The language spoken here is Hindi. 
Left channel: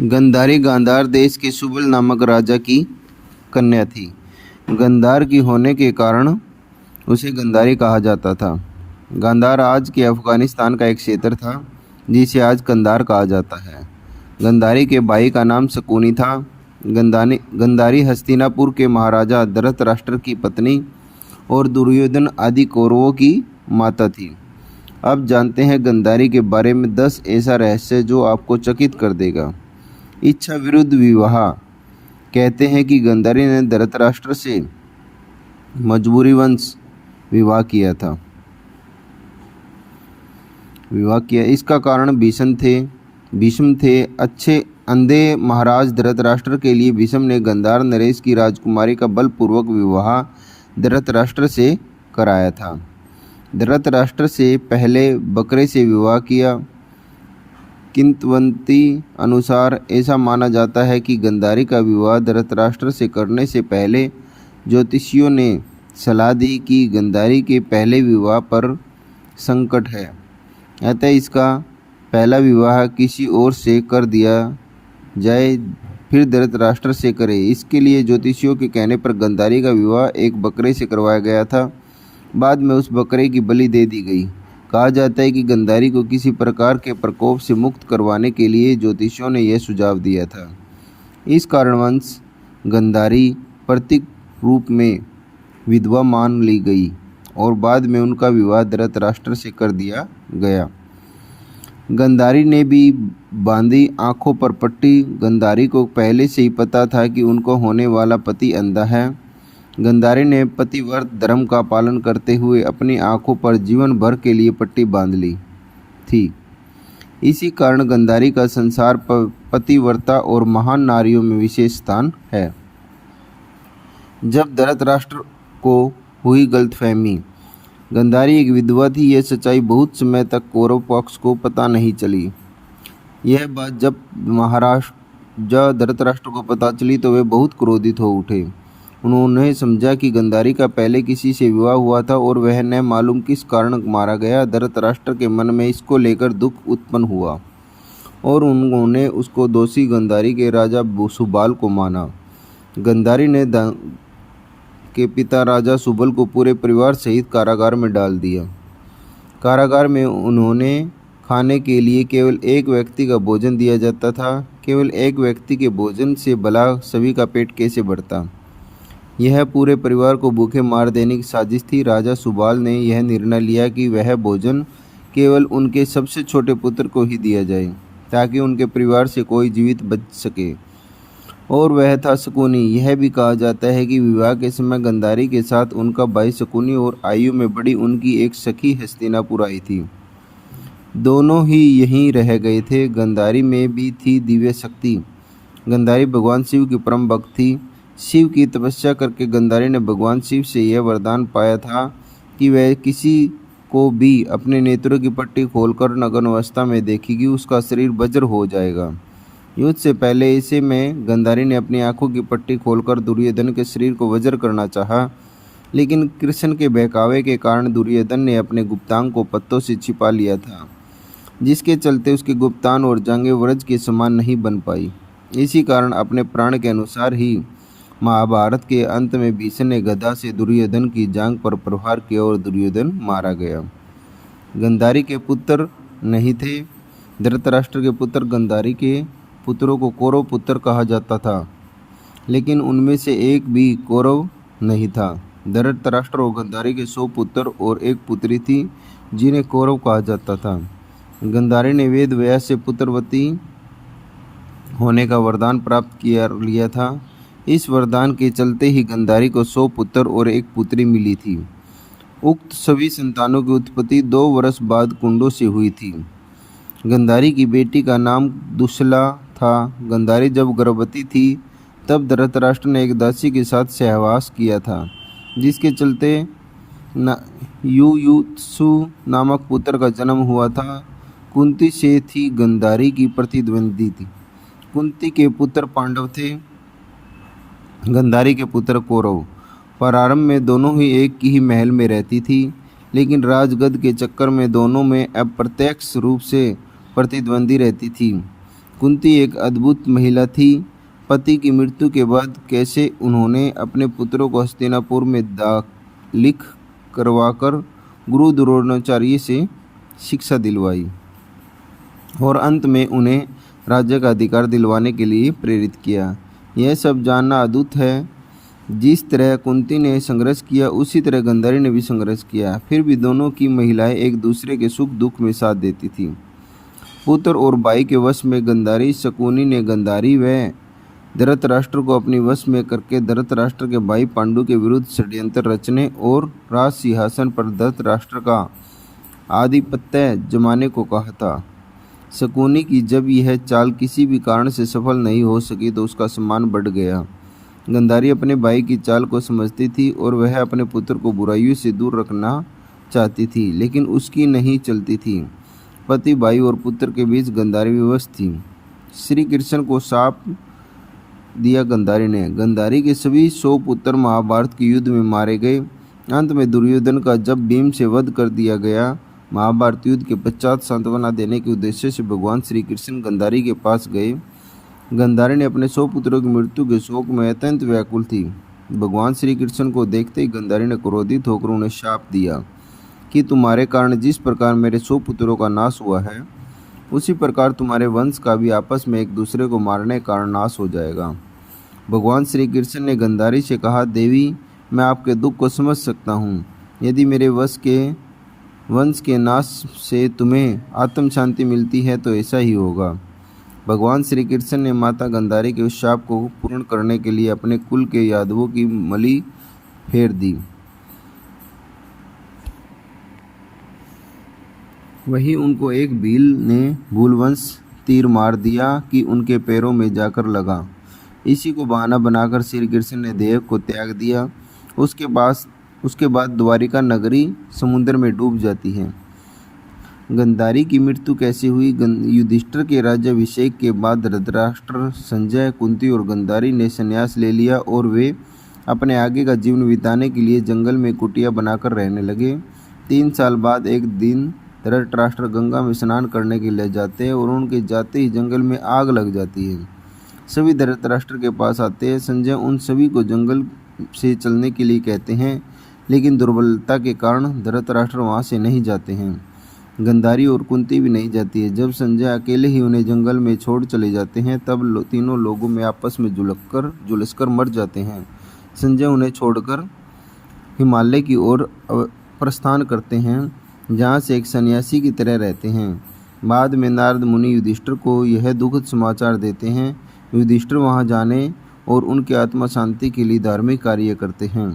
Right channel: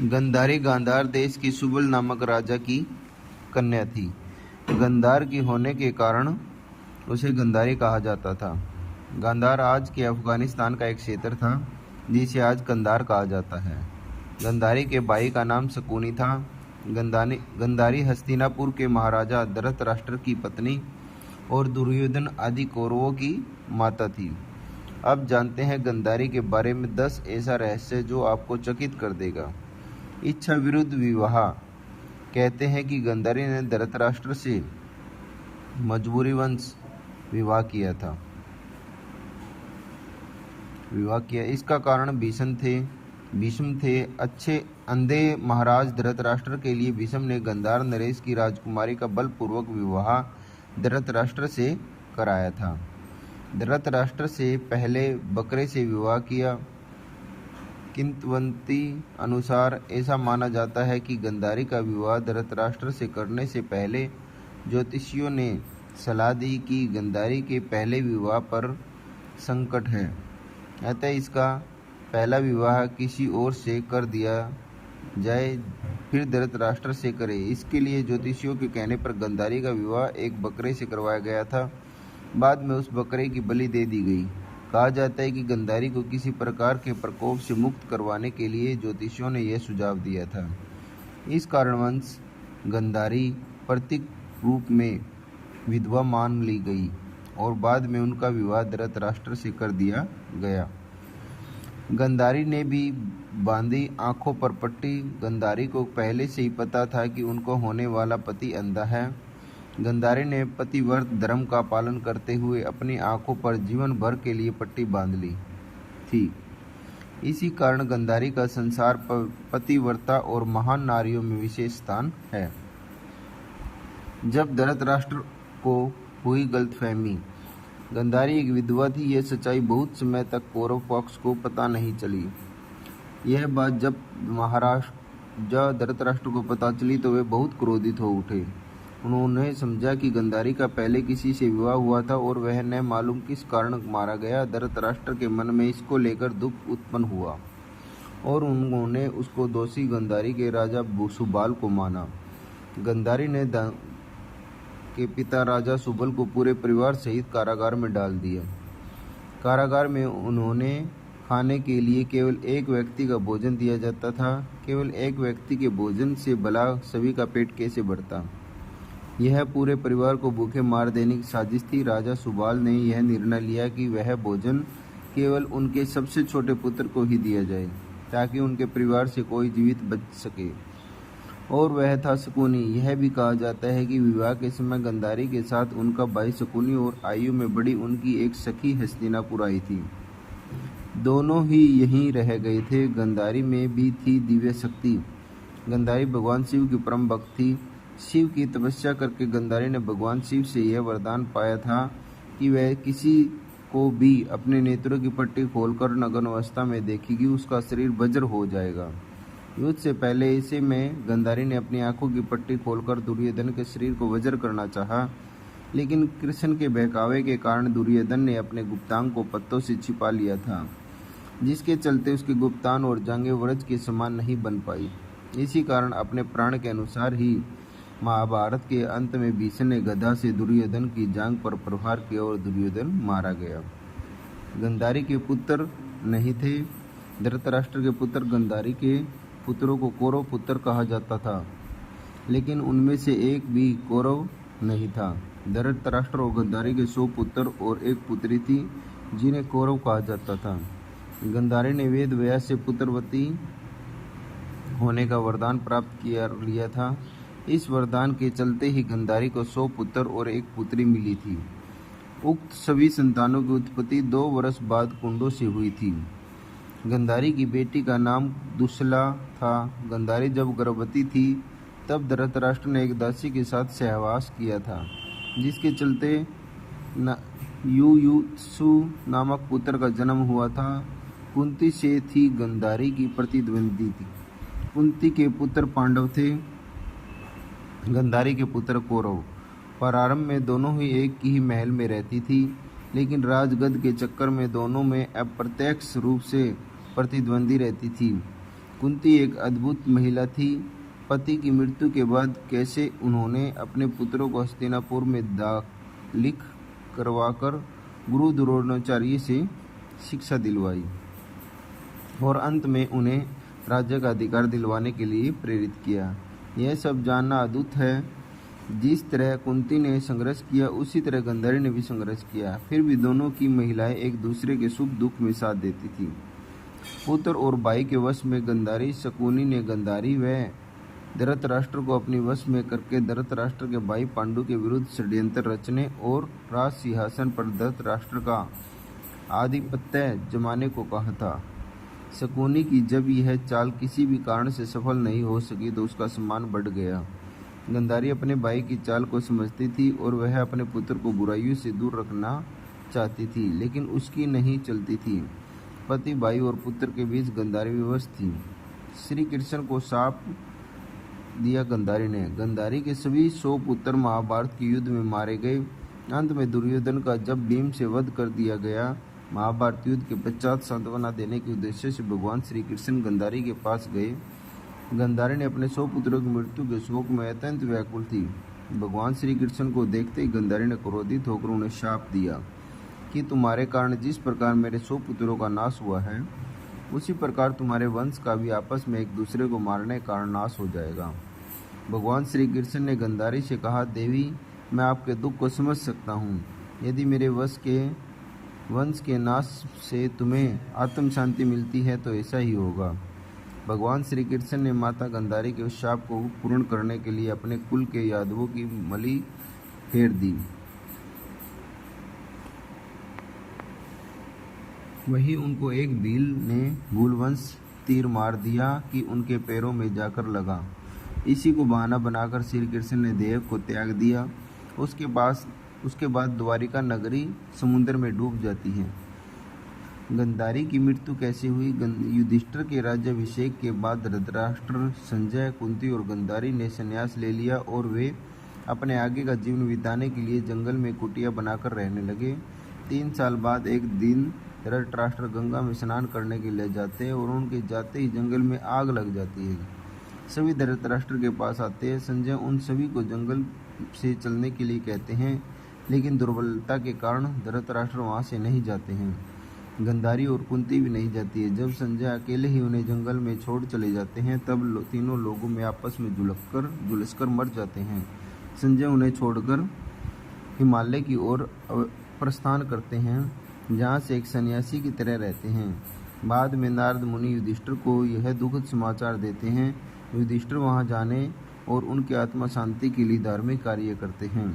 गंधारी गांधार देश के सुबल नामक राजा की कन्या थी। गांधार की होने के कारण उसे गंधारी कहा जाता था। गांधार आज के अफ़गानिस्तान का एक क्षेत्र था जिसे आज कंधार कहा जाता है। गंधारी के भाई का नाम शकुनी था। गंधारी हस्तिनापुर के महाराजा धृतराष्ट्र की पत्नी और दुर्योधन आदि कौरवों की माता थी। अब जानते हैं गंधारी के बारे में 10 ऐसा रहस्य जो आपको चकित कर देगा। इच्छा विरुद्ध विवाह। कहते हैं कि गंधारी ने धृतराष्ट्र से मजबूरीवश विवाह किया। इसका कारण भीष्म थे। अच्छे अंधे महाराज धृतराष्ट्र के लिए भीष्म ने गांधार नरेश की राजकुमारी का बलपूर्वक विवाह धृतराष्ट्र से कराया था। धृतराष्ट्र से पहले बकरे से विवाह किया। किंवदंती अनुसार ऐसा माना जाता है कि गंधारी का विवाह धृतराष्ट्र से करने से पहले ज्योतिषियों ने सलाह दी कि गंधारी के पहले विवाह पर संकट है, अतः इसका पहला विवाह किसी और से कर दिया जाए, फिर धृतराष्ट्र से करे। इसके लिए ज्योतिषियों के कहने पर गंधारी का विवाह एक बकरे से करवाया गया था। बाद में उस बकरे की बलि दे दी गई। कहा जाता है कि गंधारी को किसी प्रकार के प्रकोप से मुक्त करवाने के लिए ज्योतिषियों ने यह सुझाव दिया था। इस कारणवश गंधारी प्रतीक रूप में विधवा मान ली गई और बाद में उनका विवाह धृतराष्ट्र से कर दिया गया। गंधारी ने भी बांधी आंखों पर पट्टी। गंधारी को पहले से ही पता था कि उनको होने वाला पति अंधा है। गंधारी ने पतिव्रत धर्म का पालन करते हुए अपनी आंखों पर जीवन भर के लिए पट्टी बांध ली थी। इसी कारण गंधारी का संसार पतिव्रता और महान नारियों में विशेष स्थान है। जब धृतराष्ट्र को हुई गलतफहमी, गंधारी एक विधवा थी, यह सच्चाई बहुत समय तक कौरव पक्ष को पता नहीं चली। यह बात जब महाराज धृतराष्ट्र को पता चली तो वे बहुत क्रोधित हो उठे। उन्होंने समझा कि गंधारी का पहले किसी से विवाह हुआ था और वह न मालूम किस कारण मारा गया। धृतराष्ट्र के मन में इसको लेकर दुख उत्पन्न हुआ और उन्होंने उसको दोषी गंधारी के राजा सुबाल को माना। गंधारी ने के पिता राजा सुबल को पूरे परिवार सहित कारागार में डाल दिया। कारागार में उन्होंने खाने के लिए केवल एक व्यक्ति का भोजन दिया जाता था। केवल एक व्यक्ति के भोजन से भला सभी का पेट कैसे भरता। यह पूरे परिवार को भूखे मार देने की साजिश थी। राजा सुबाल ने यह निर्णय लिया कि वह भोजन केवल उनके सबसे छोटे पुत्र को ही दिया जाए ताकि उनके परिवार से कोई जीवित बच सके, और वह था शकुनी। यह भी कहा जाता है कि विवाह के समय गंधारी के साथ उनका भाई शकुनी और आयु में बड़ी उनकी एक सखी हस्तिनापुर आई थी। दोनों ही यहीं रह गए थे। गंधारी में भी थी दिव्य शक्ति। गंधारी भगवान शिव की परम भक्त थी। शिव की तपस्या करके गंधारी ने भगवान शिव से यह वरदान पाया था कि वह किसी को भी अपने नेत्रों की पट्टी खोलकर नग्न अवस्था में देखेगी, उसका शरीर वज्र हो जाएगा। युद्ध से पहले ऐसे में गंधारी ने अपनी आंखों की पट्टी खोलकर दुर्योधन के शरीर को वज्र करना चाहा, लेकिन कृष्ण के बहकावे के कारण दुर्योधन ने अपने गुप्तांग को पत्तों से छिपा लिया था, जिसके चलते उसके गुप्तांग और जांघें वज्र के समान नहीं बन पाई। इसी कारण अपने प्राण के अनुसार ही महाभारत के अंत में भीष्म ने गदा से दुर्योधन की जांघ पर प्रहार किया और दुर्योधन मारा गया। गंधारी के पुत्र नहीं थे। धृतराष्ट्र के पुत्र गंधारी के पुत्रों को कौरव पुत्र कहा जाता था, लेकिन उनमें से एक भी कौरव नहीं था। धृतराष्ट्र और गंधारी के 100 पुत्र और एक पुत्री थी जिन्हें कौरव कहा जाता था। गंधारी ने वेद व्यास से पुत्रवती होने का वरदान प्राप्त लिया था। इस वरदान के चलते ही गंधारी को 100 पुत्र और एक पुत्री मिली थी। उक्त सभी संतानों की उत्पत्ति 2 वर्ष बाद कुंडों से हुई थी। गंधारी की बेटी का नाम दुशला था। गंधारी जब गर्भवती थी तब धृतराष्ट्र ने एक दासी के साथ सहवास किया था, जिसके चलते युयुत्सु नामक पुत्र का जन्म हुआ था। कुंती से थी गंधारी की प्रतिद्वंदी थी। कुंती के पुत्र पांडव थे, गंधारी के पुत्र कौरव। प्रारंभ में दोनों ही एक ही महल में रहती थी, लेकिन राजगद्द के चक्कर में दोनों में अप्रत्यक्ष रूप से प्रतिद्वंदी रहती थी। कुंती एक अद्भुत महिला थी। पति की मृत्यु के बाद कैसे उन्होंने अपने पुत्रों को हस्तिनापुर में लिख करवाकर गुरु द्रोणाचार्य से शिक्षा दिलवाई और अंत में उन्हें राज्य का अधिकार दिलवाने के लिए प्रेरित किया, यह सब जानना अद्भुत है। जिस तरह कुंती ने संघर्ष किया उसी तरह गांधारी ने भी संघर्ष किया। फिर भी दोनों की महिलाएं एक दूसरे के सुख दुख में साथ देती थी। पुत्र और भाई के वश में गांधारी, शकुनी ने गांधारी व धृतराष्ट्र को अपने वश में करके धृतराष्ट्र के भाई पांडु के विरुद्ध षड्यंत्र रचने और राज सिंहासन पर धृतराष्ट्र का आधिपत्य जमाने को कहा था। शकुनी की जब यह चाल किसी भी कारण से सफल नहीं हो सकी तो उसका सम्मान बढ़ गया। गांधारी अपने भाई की चाल को समझती थी और वह अपने पुत्र को बुराइयों से दूर रखना चाहती थी, लेकिन उसकी नहीं चलती थी। पति, भाई और पुत्र के बीच गांधारी विवश थी। श्री कृष्ण को शाप दिया गांधारी ने। गांधारी के सभी 100 पुत्र महाभारत के युद्ध में मारे गए। अंत में दुर्योधन का जब भीम से वध कर दिया गया, महाभारत युद्ध के पश्चात सांत्वना देने के उद्देश्य से भगवान श्री कृष्ण गांधारी के पास गए। गांधारी ने अपने 100 पुत्रों की मृत्यु के शोक में अत्यंत व्याकुल थी। भगवान श्री कृष्ण को देखते ही गांधारी ने क्रोधित होकर उन्हें शाप दिया कि तुम्हारे कारण जिस प्रकार मेरे 100 पुत्रों का नाश हुआ है, उसी प्रकार तुम्हारे वंश का भी आपस में एक दूसरे को मारने के कारण नाश हो जाएगा। भगवान श्री कृष्ण ने गांधारी से कहा, देवी, मैं आपके दुख को समझ सकता हूँ। यदि मेरे वंश के नाश से तुम्हें आत्म शांति मिलती है तो ऐसा ही होगा। भगवान श्री कृष्ण ने माता गांधारी के उस शाप को पूर्ण करने के लिए अपने कुल के यादवों की मली फेर दी। वहीं उनको एक भील ने भूलवंश तीर मार दिया कि उनके पैरों में जाकर लगा। इसी को बहाना बनाकर श्री कृष्ण ने देव को त्याग दिया। उसके बाद द्वारिका नगरी समुद्र में डूब जाती है। गांधारी की मृत्यु कैसे हुई? युधिष्ठिर के राज्याभिषेक के बाद धृतराष्ट्र, संजय, कुंती और गांधारी ने संन्यास ले लिया और वे अपने आगे का जीवन बिताने के लिए जंगल में कुटिया बनाकर रहने लगे। 3 साल बाद एक दिन धृतराष्ट्र गंगा में स्नान करने के लिए जाते हैं और उनके जाते ही जंगल में आग लग जाती है। सभी धृतराष्ट्र के पास आते हैं। संजय उन सभी को जंगल से चलने के लिए कहते हैं, लेकिन दुर्बलता के कारण धृतराष्ट्र वहाँ से नहीं जाते हैं। गांधारी और कुंती भी नहीं जाती है। जब संजय अकेले ही उन्हें जंगल में छोड़ चले जाते हैं तब तीनों लोगों में आपस में झुलसकर मर जाते हैं। संजय उन्हें छोड़कर हिमालय की ओर प्रस्थान करते हैं, जहाँ से एक सन्यासी की तरह रहते हैं। बाद में नारद मुनि युधिष्ठिर को यह दुखद समाचार देते हैं। युधिष्ठिर वहाँ जाने और उनकी आत्मा शांति के लिए धार्मिक कार्य करते हैं।